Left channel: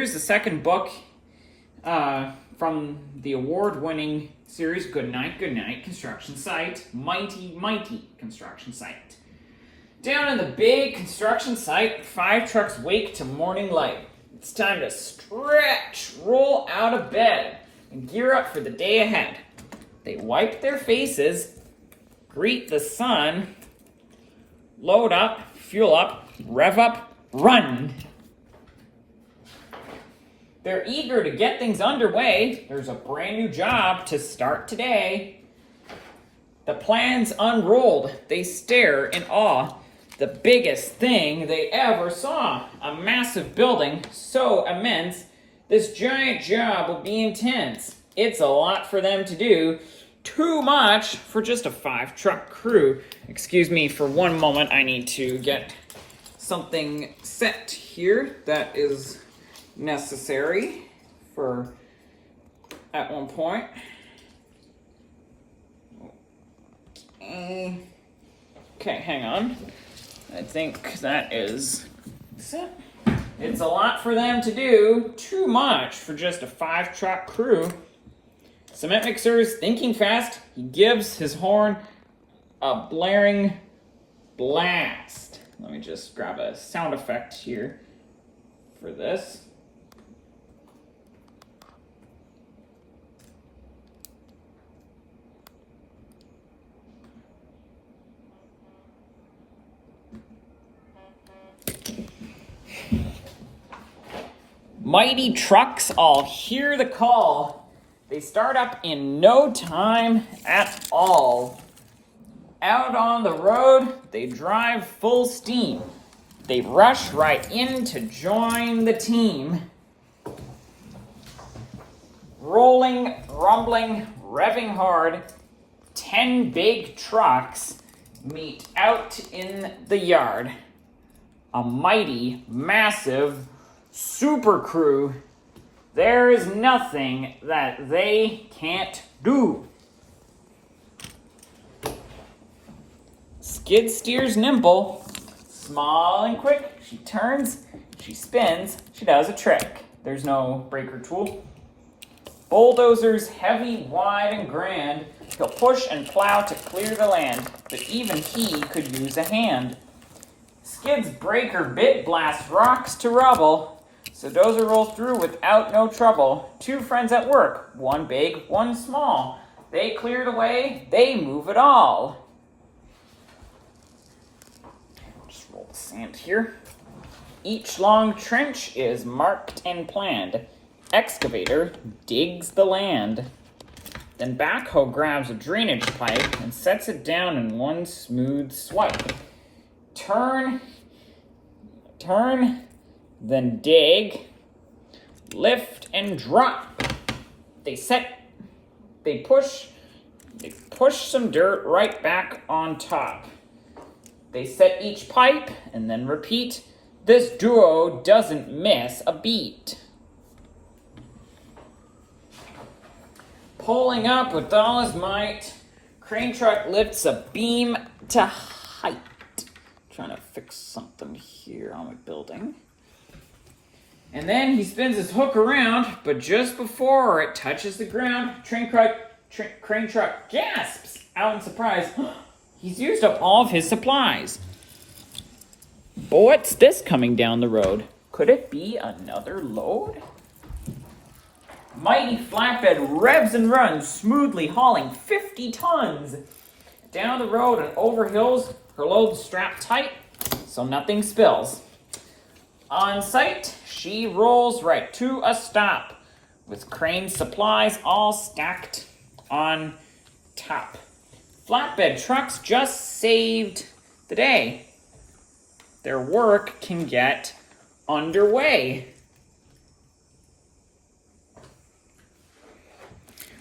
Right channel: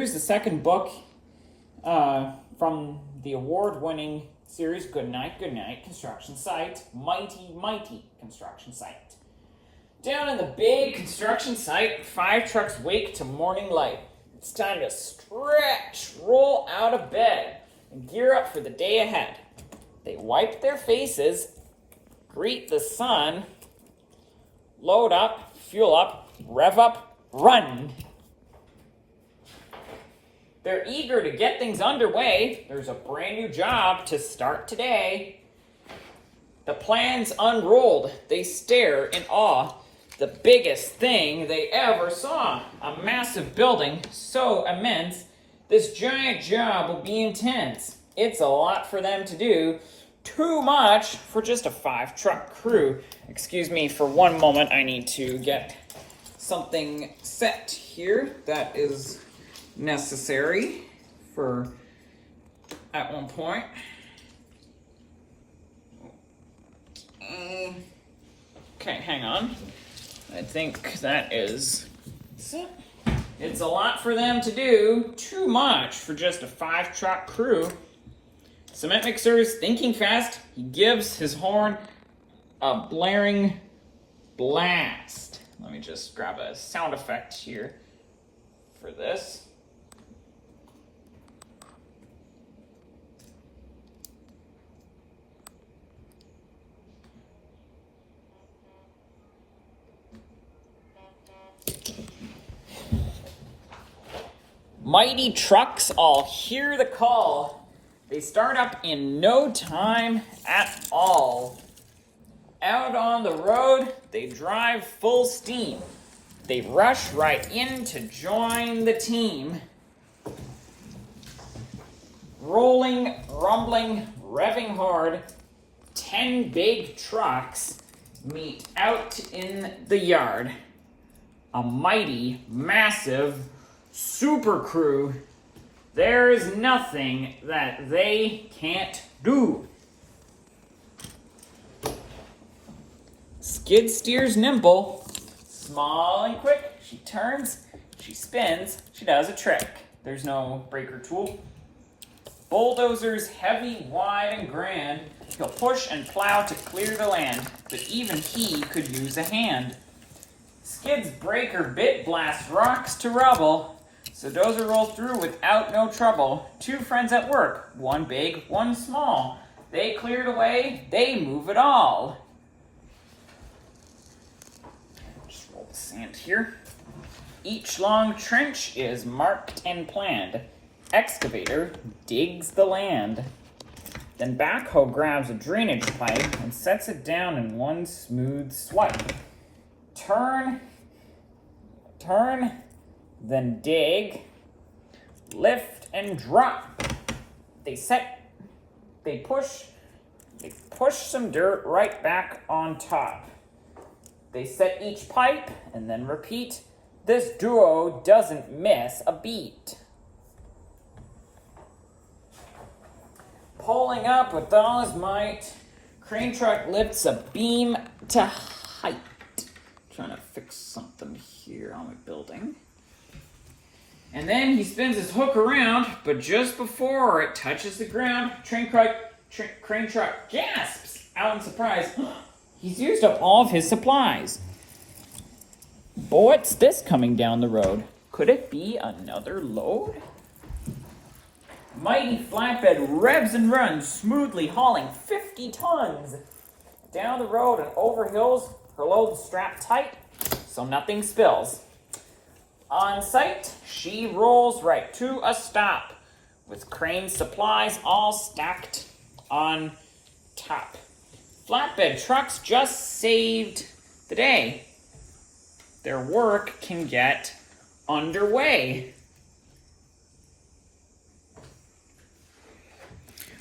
Here's the second book from the award-winning series Good Night, Construction Site, Mighty Construction Site. Down in the big construction site, 5 trucks wake to morning light. It's time to stretch, roll out of bed, and gear up for the day ahead. They wipe their faces, greet the sun, load up, fuel up, rev up, run. They're eager to get things underway. There's a brand new job to start today. The plans unrolled. They stare in awe. The biggest thing they ever saw. A massive building so immense. This giant job will be intense. It's a lot for them to do. Too much for just a 5-truck crew. Excuse me for one moment. I need to get something set here that is necessary for at one point. Okay, hang on. I think that is set. It's a lot for them to do. Too much for just a 5-truck crew. Cement mixer is thinking fast. He gives his horn a blaring blast. Let me just grab a sound effect here for this. Mighty trucks all hear the call. They start up in no time at all. Out on the road, they drive full steam. They rush right in to join the team. Rolling, rumbling, revving hard, 10 big trucks meet out in the yard. A mighty, massive super crew. There is nothing that they can't do. Skid steers nimble, small and quick. She turns, she spins, she does a trick. There's no breaker tool. Bulldozer's heavy, wide, and grand. He'll push and plow to clear the land, but even he could use a hand. Skid's breaker bit blasts rocks to rubble. So Dozer rolls through without no trouble. 2 friends at work, one big, one small. They cleared away, they move it all. Just roll the sand here. Each long trench is marked and planned. Excavator digs the land. Then backhoe grabs a drainage pipe and sets it down in one smooth swipe. Turn, then dig, lift and drop. They push some dirt right back on top. They set each pipe and then repeat. This duo doesn't miss a beat. Pulling up with all his might, crane truck lifts a beam to height. Trying to fix something here on the building. And then he spins his hook around, but just before it touches the ground, crane truck gasps out in surprise. He's used up all of his supplies. What's this coming down the road? Could it be another load? Mighty flatbed revs and runs, smoothly hauling 50 tons. Down the road and over hills, her load's strapped tight, so nothing spills. On site, she rolls right to a stop, with crane supplies all stacked on top. Flatbed trucks just saved the day. Their work can get underway.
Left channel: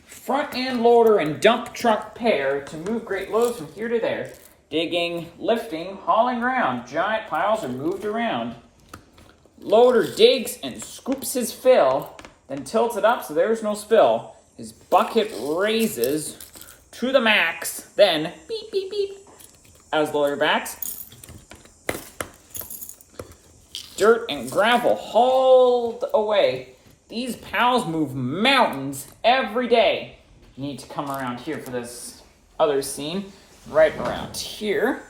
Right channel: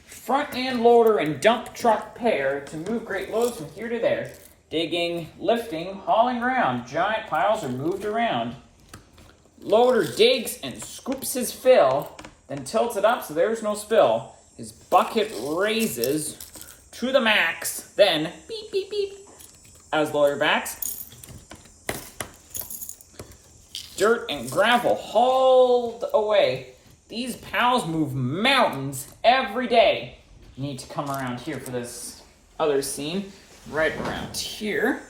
Front end loader and dump truck pair to move great loads from here to there. Digging, lifting, hauling around. Giant piles are moved around. Loader digs and scoops his fill, then tilts it up so there's no spill. His bucket raises to the max, then beep, beep, beep, as the loader backs. dirt and gravel hauled away. These pals move mountains every day. You need to come around here for this other scene. Right around here.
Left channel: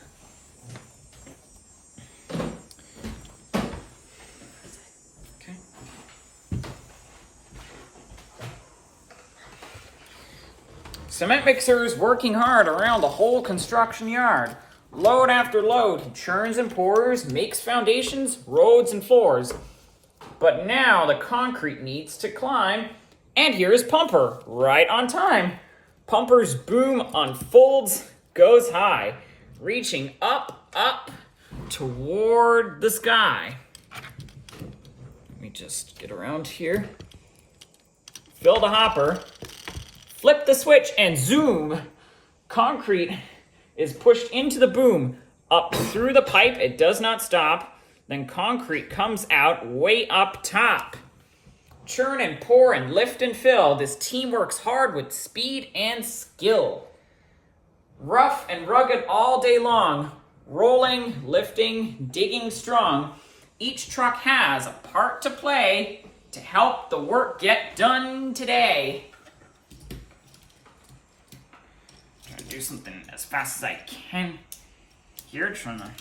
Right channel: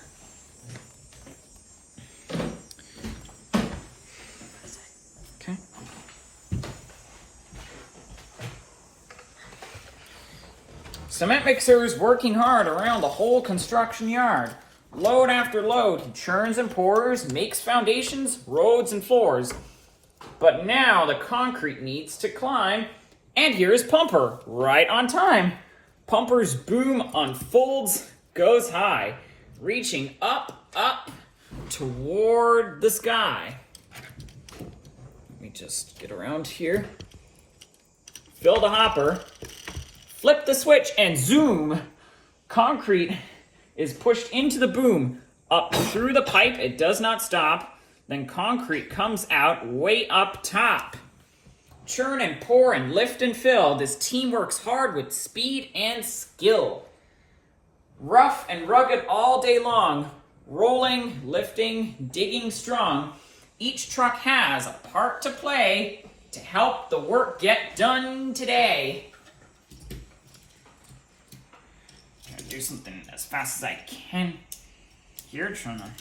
Okay. Cement mixer is working hard around the whole construction yard. Load after load, he churns and pours, makes foundations, roads, and floors. But now the concrete needs to climb, and here's Pumper, right on time. Pumper's boom unfolds, goes high, reaching up, up, toward the sky. Let me just get around here. Fill the hopper, flip the switch, and zoom. Concrete is pushed into the boom, up through the pipe, it does not stop. Then concrete comes out way up top. Churn and pour and lift and fill. This team works hard with speed and skill. Rough and rugged all day long. Rolling, lifting, digging strong. Each truck has a part to play to help the work get done today. Trying to do something as fast as I can. Here, trying to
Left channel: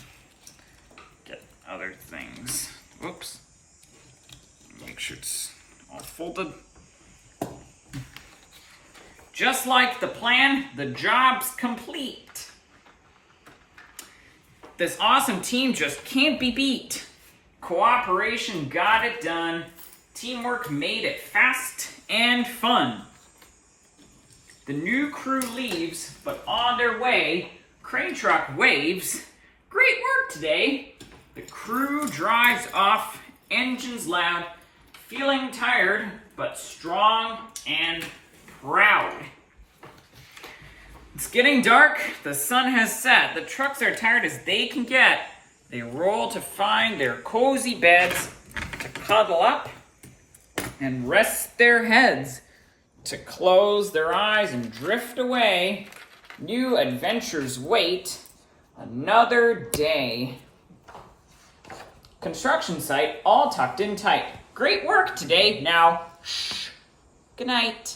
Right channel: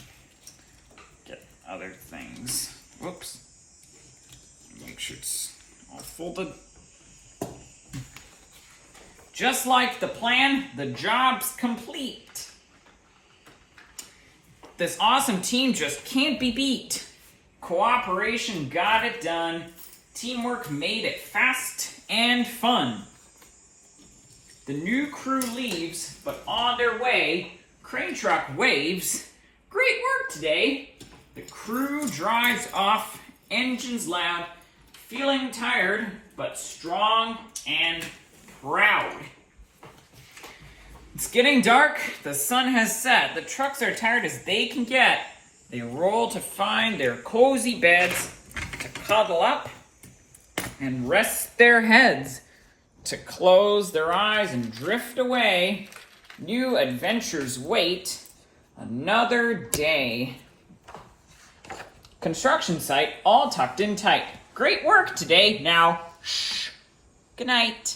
get other things. Whoops. Make sure it's all folded. Just like the plan, the job's complete. This awesome team just can't be beat. Cooperation got it done. Teamwork made it fast and fun. The new crew leaves, but on their way, crane truck waves. Great work today. The crew drives off, engines loud, feeling tired, but strong and proud. It's getting dark, the sun has set. The trucks are tired as they can get. They roll to find their cozy beds, to cuddle up and rest their heads, to close their eyes and drift away. New adventures wait another day. Construction site all tucked in tight. Great work today. Now, shh. Good night.